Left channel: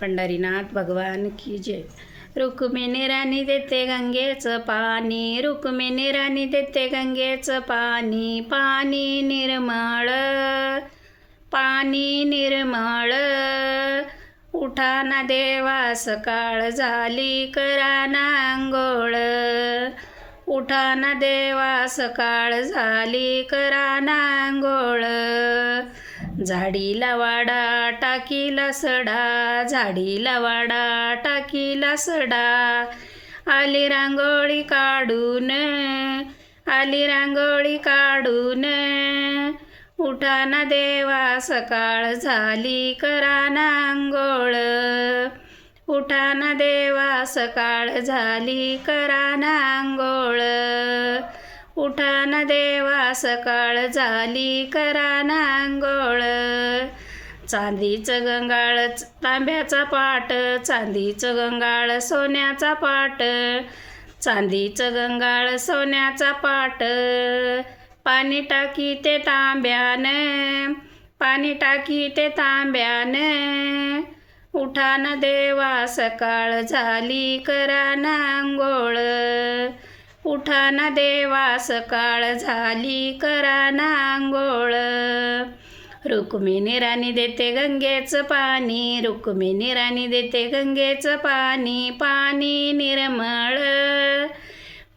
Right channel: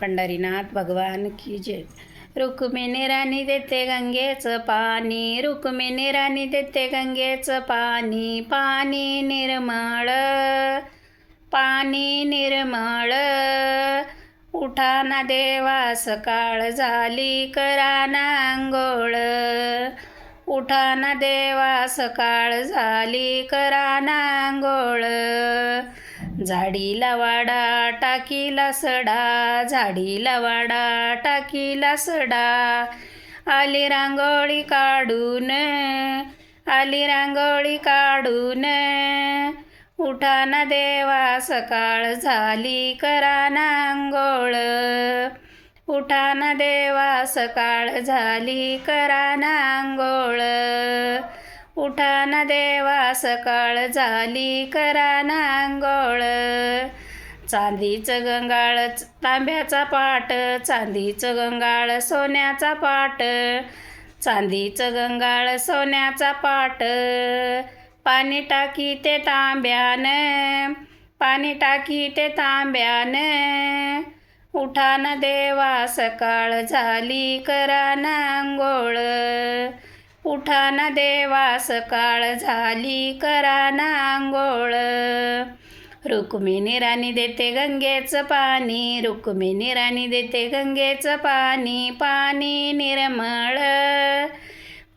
पंढरीनाथ भगवान की जय। रुक्मिणी राणी देते गंगेचं पाणी, रुक्मिणी राणी देते गंगेचं पाणी, पाणी निर्मळ, पाणी निर्मळ। उठा ना देवा सकाळ झाली, करा ना अंघोळ, उठा ना देवा सकाळ झाली, करा ना अंघोळ। झाडीला वाडा टाकीला सडा, झाडीला वाडा टाकीला सडा, आली रांगोळी काढून, आली रांगोळी काढून। उठा ना देवा सकाळ झाली, करा ना अंघोळ, उठा ना देवा सकाळ झाली, करा ना अंघोळ, उठा ना देवा सकाळ झाली, करा ना अंघोळ। चांदीचं गंगाळ तांब्याचा पाट, चांदीचं गंगाळ सोन्याचा पाट, चांदीचं गंगाळ सोन्याचा पाट, पाणी टाकी ते तांब्यानं, पाणी टाकी ते तांब्यानं। उठा ना देवा सकाळ झाली, करा ना अंघोळ, उठा ना देवा सकाळ झाली, करा ना अंघोळ। रुक्मिणी राणी देते गंगेचं पाणी, रुक्मिणी राणी देते गंगेचं पाणी, पाणी निर्मळ,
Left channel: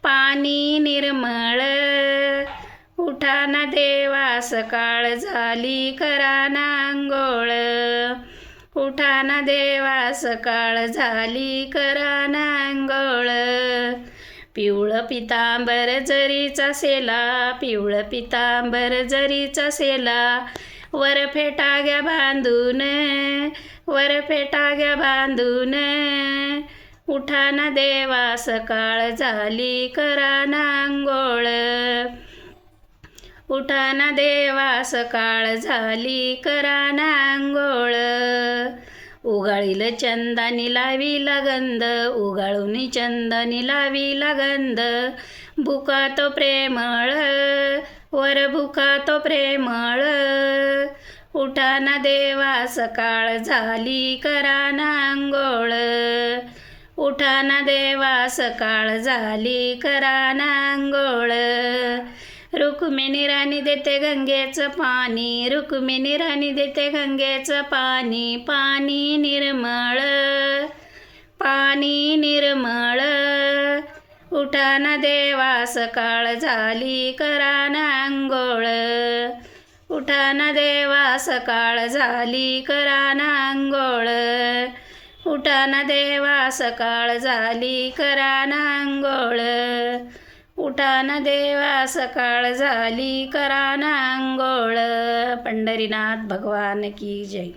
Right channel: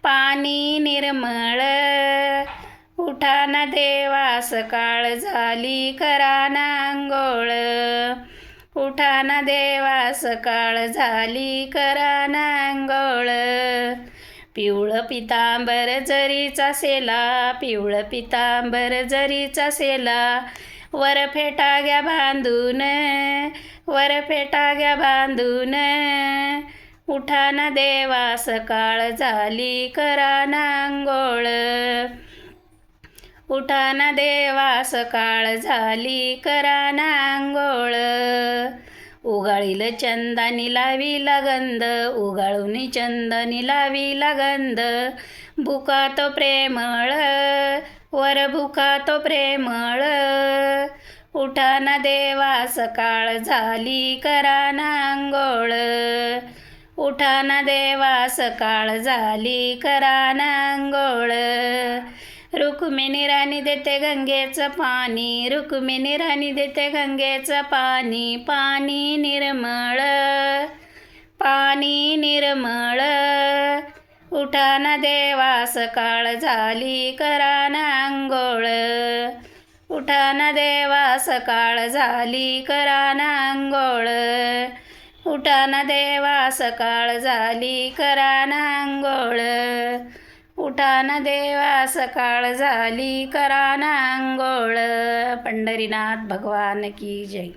पाणी निर्मळ। उठा ना देवा सकाळ झाली, करा ना अंघोळ, उठा ना देवा सकाळ झाली, करा ना अंघोळ। पिवळं पितांबर जरीचा सेला, पिवळं पितांबर जरीचा सेला, वर फेटा घ्या बांधून, वर फेटा घ्या बांधून। उठा ना देवा सकाळ झाली, करा ना अंघोळ, उठा ना देवा सकाळ झाली, करा ना अंघोळ। उगाळील चंदनी लावीला गंध, उगाळून चंदनी लावीला गंध, भुका तो प्रेमळ, वर भुका तो प्रेमळ। उठा ना देवा सकाळ झाली, करा ना अंघोळ, उठा ना देवा सकाळ झाली, करा ना अंघोळ। रुक्मिणी राणी देते गंगेचं पाणी, रुक्मिणी राणी देते गंगेचं पाणी, पाणी निर्मळ, पाणी निर्मळ। उठा ना देवा सकाळ झाली, करा ना अंघोळ, उठा ना देवा सकाळ झाली, करा ना अंघोळ, उठा ना देवा सकाळ झाली, करा ना अंघोळ, उठा ना देवा सकाळ झाली, करा ना अंघोळ। पंढरीनाथ भगवान की जय।